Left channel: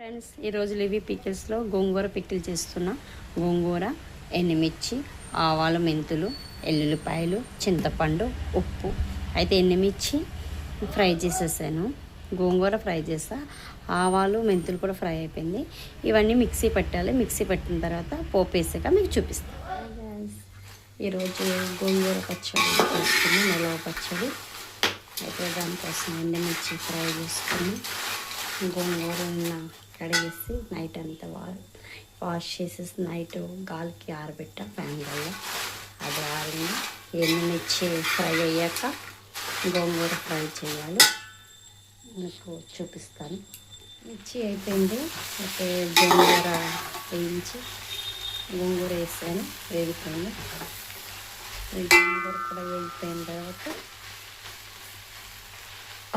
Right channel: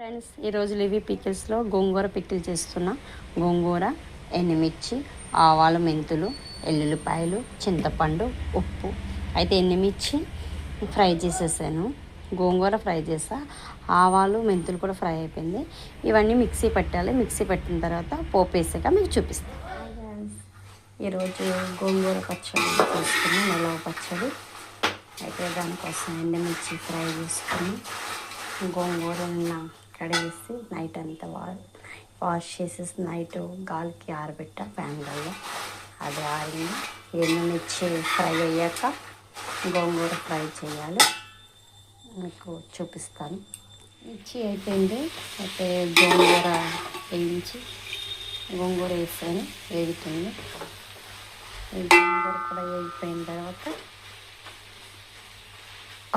Friends, ఈరోజు levy పికిల్స్లో గోంగూర pickle చేస్తున్నా. గోంగూర, ఎండుమిర్చి, ఆవాలు, మెంతులు, ఎల్లుల్లిపాయలు, చింతపండు, ఉప్పు. అయితే ఎండుమిర్చి ఫ్రై చేసేసాను, గోంగూర ఫ్రై చేసా, ఆవాలు మెంతులు కూడా ఫ్రై అయిపోయింది. ఇవన్నీ మిక్సీ పెట్టాలి. మిక్సీ పెట్టిన తర్వాత పోపు వేసాక మీకు చూపిస్తాను. ఈరోజు గోంగూర పచ్చడి చేసుకున్నాం, నిలవ పచ్చడి. అయితే దానికోసం ఎండుమిర్చి ఫ్రై చేసుకుని గోంగూర కడిగేసి నైట్ అంతా వాష్ చేసేసి నైట్ గాలికి ఆరబెట్టా ఫ్యాన్ వల్ల. అది ఆరింది. ఎండుమిర్చి ఫ్రై అయ్యాక గోంగూర ఫ్రై చేయాలి, మీకు చూపిస్తాను. మిర్చి అయిపోయింది. అయితే గోంగూర వేసాను, వేగుతుంది. గోంగూర కూడా వేగిపోయిన తర్వాత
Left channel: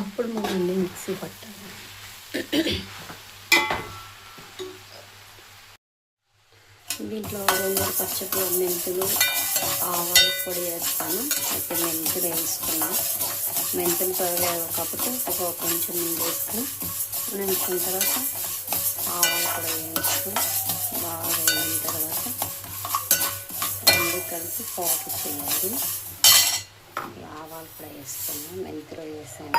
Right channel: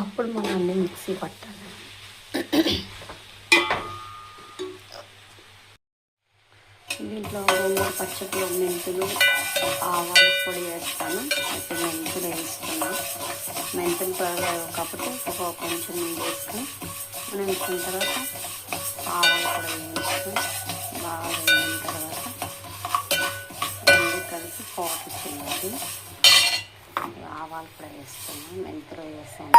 అప్పుడు మనం అన్నీ మిక్సీ పట్టాలి. దీంట్లో గోంగూర పచ్చడిలో మెంతులు, ఆవాల పొడి వేస్తాను. అయితే మెంతులు వేసుకున్నాను. మెంతులు త్వరగా కాబట్టి కొంచెం వేసుకుని వేసుకున్న తర్వాత ఆవాల పొడి వేసుకుని బాగా వేగిన తర్వాత రెండు కలిపి పోపు చేయాలి. ఆవాలు కూడా వేసుకున్నాను, మెంతులు వేసాను.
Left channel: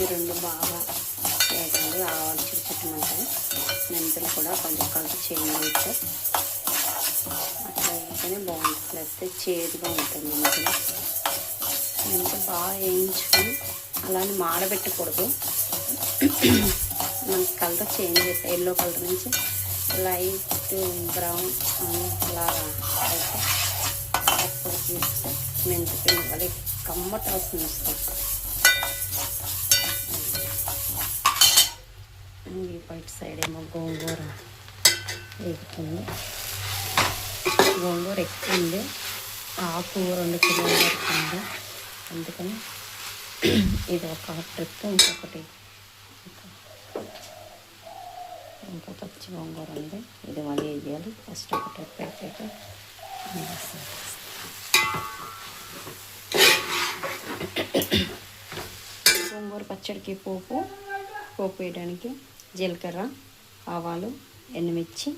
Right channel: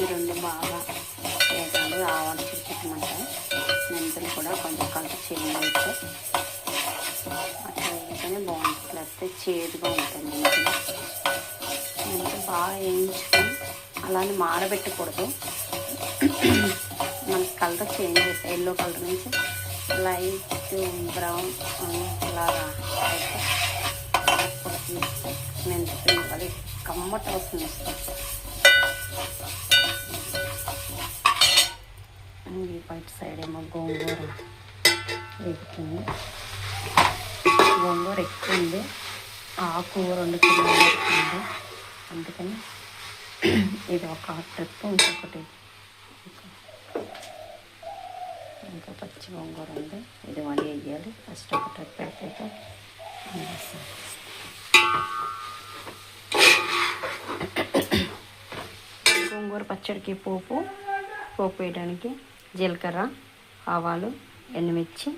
ఈ రెండు బాగా వేసాలి. ఆవాలు చిక్కుమంటాయి, మెంతులు కూడా కొంచెం కలిపి చేయాలి. అట్లా వేసుకొని బాగుంటుంది. లేకపోతే చేదుగా ఉంటుంది. మెంతులు బాగా వేయించుకొని అలానే మాడబెట్టకూడదు. మనకి కలర్ చేంజ్ అవుతాయి. ఎల్లో కలర్ నుంచి లైట్ బ్రౌన్ అలాగా అయితే అప్పుడు తీస్తే మెంతులు అది కమ్మటి వాసన వస్తుంది. బయట సైడ్ ఏమో గోంగూర వేగుతుంది. గోంగూర ఎక్కువ ఉంది, ఆకు 2 కిలోల వరకు ఉంది. అందుకని ఇది ఒక ట్రిప్, ఇంకో పచ్చి గోంగూర ఉంది. ఇది మళ్ళీ వేయాలి. ఫస్ట్ ఒక ట్రిప్ పెట్టాక గోంగూర పచ్చడికి పోపు వేయడానికి జీలకర్ర, ఆవాలు, ఎండుమిర్చి,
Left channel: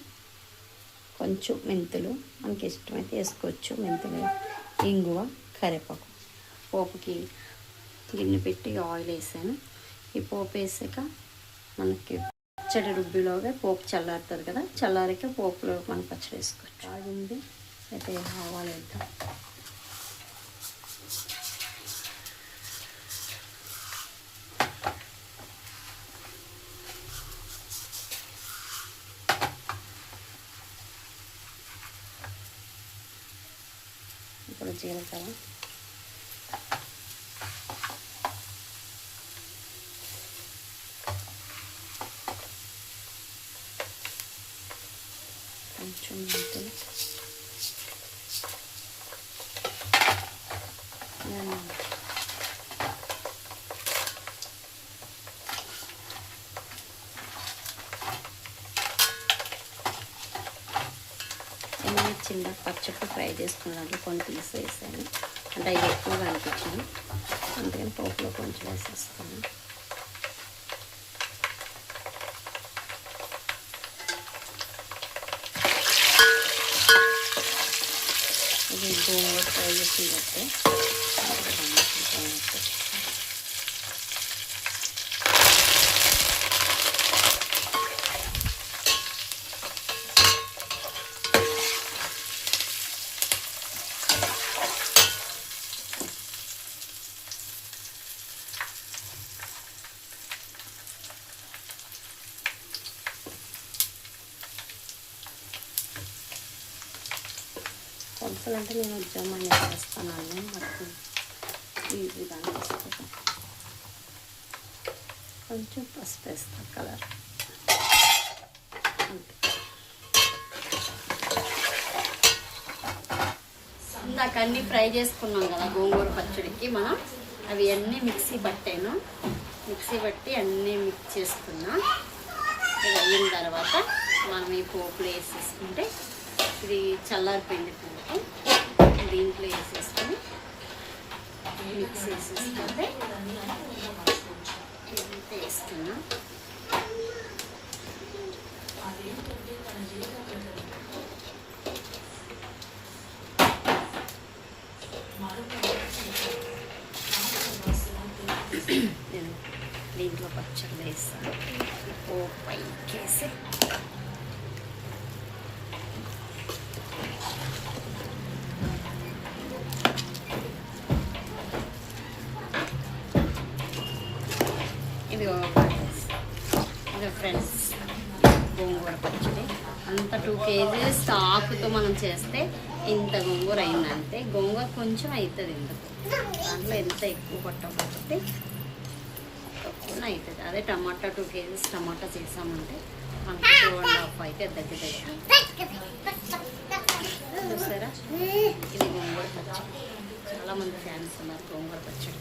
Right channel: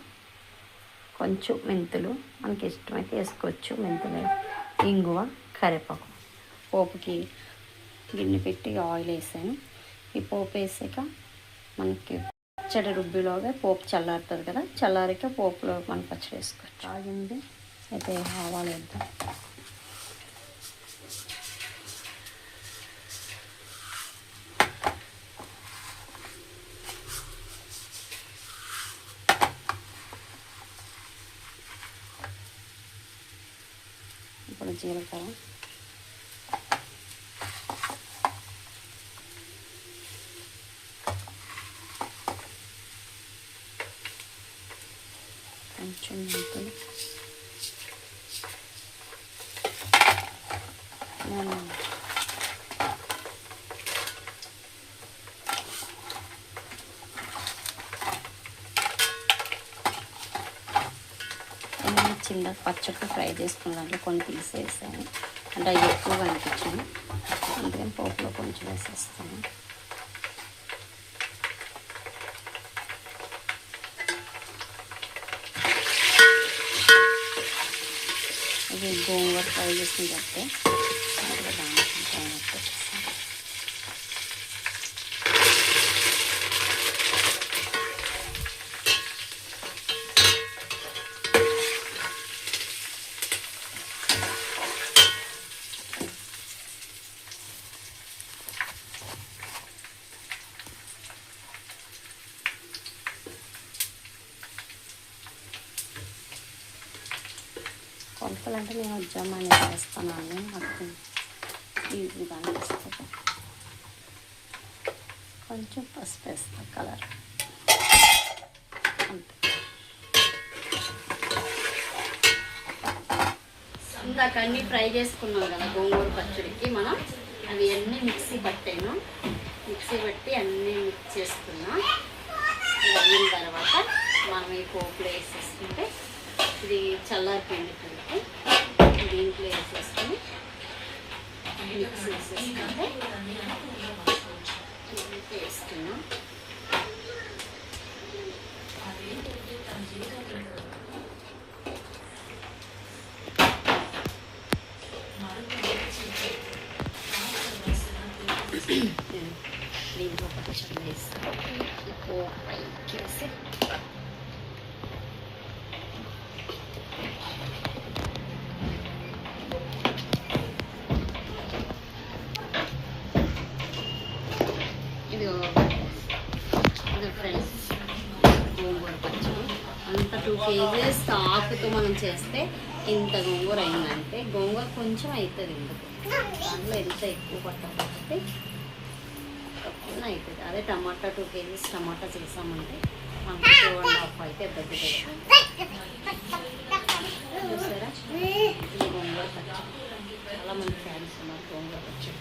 కొంచెం మెంతులు, మనకి ఇష్టమైతే వేసుకోవచ్చు. మెంతులు, ఇంగువ, కరివేపాకు. పోపుకి గిన్నె పెట్టి ఆయిల్ వేసాను. ఈ పోపు వేసాక మనకి పచ్చడి రుబ్బిలోగా పోపు చల్లారుతుంది కదా, చల్లారిక పోపులో మనం పచ్చడి వేసుకోవచ్చు. ఆగింది. అయితే ఆవాలు వేద్దాం. ఇప్పుడు జీలకర్ర, కొంచెం మెంతులు, చిన్న పచ్చడి ఫ్రై చేసుకున్న దాంట్లో కొన్ని తీసేసాను. అంటే అవి ఎక్కువగా అనిపించాను, అందుకని పోపులో కొంచెం వేసేస్తాను. ఇది గోంగూర ఫ్రై చేసిన తర్వాత కొలతలు అంటే నేను ఉద్యమని వేస్తానండి. నాకు ఈజీగా అనిపిస్తుంది. కొంచెం పసుపు వేస్తాను, కలర్. ఇందాక అన్నీ ఫ్రై చేసుకున్నాం కదా గోంగూర పచ్చడికి, మనం అవి అన్నీ మిక్సీ పట్టాను. మిక్సీ పట్టి అన్నీ మిక్స్ చేసుకున్నా. ఇది అయిన తర్వాత మనం ఈ పోపులో వేసేసుకుంటే ఇది చల్లారిపోయింది. దీంట్లో వేసేసుకొని మిక్స్ చేసేసుకుంటే వేసుకున్నాం. గోంగూర పచ్చడి వేస్తాను. ఓ పైకేసి ఇది ఫ్రెండ్స్ గోంగూర పచ్చడి అంత 2 kgs ఆకుతో మనం చేస్తే ఇంత గోంగూర అయిందంటే గోంగూర కొంచెం అవుతుంది ఎందుకు దాంట్లో ఎంత ఎక్కువ పట్టకపోతే తక్కువ అవుతుంది. అదే టమాటా 2 kgs టమాటా చేసామంటే మనకు 2.5 అయితే దగ్గర చూసారా. ఇది గోంగూర పచ్చడి, చాలామంది ఫ్యాన్స్ ఉన్నారు గోంగూర పచ్చడి.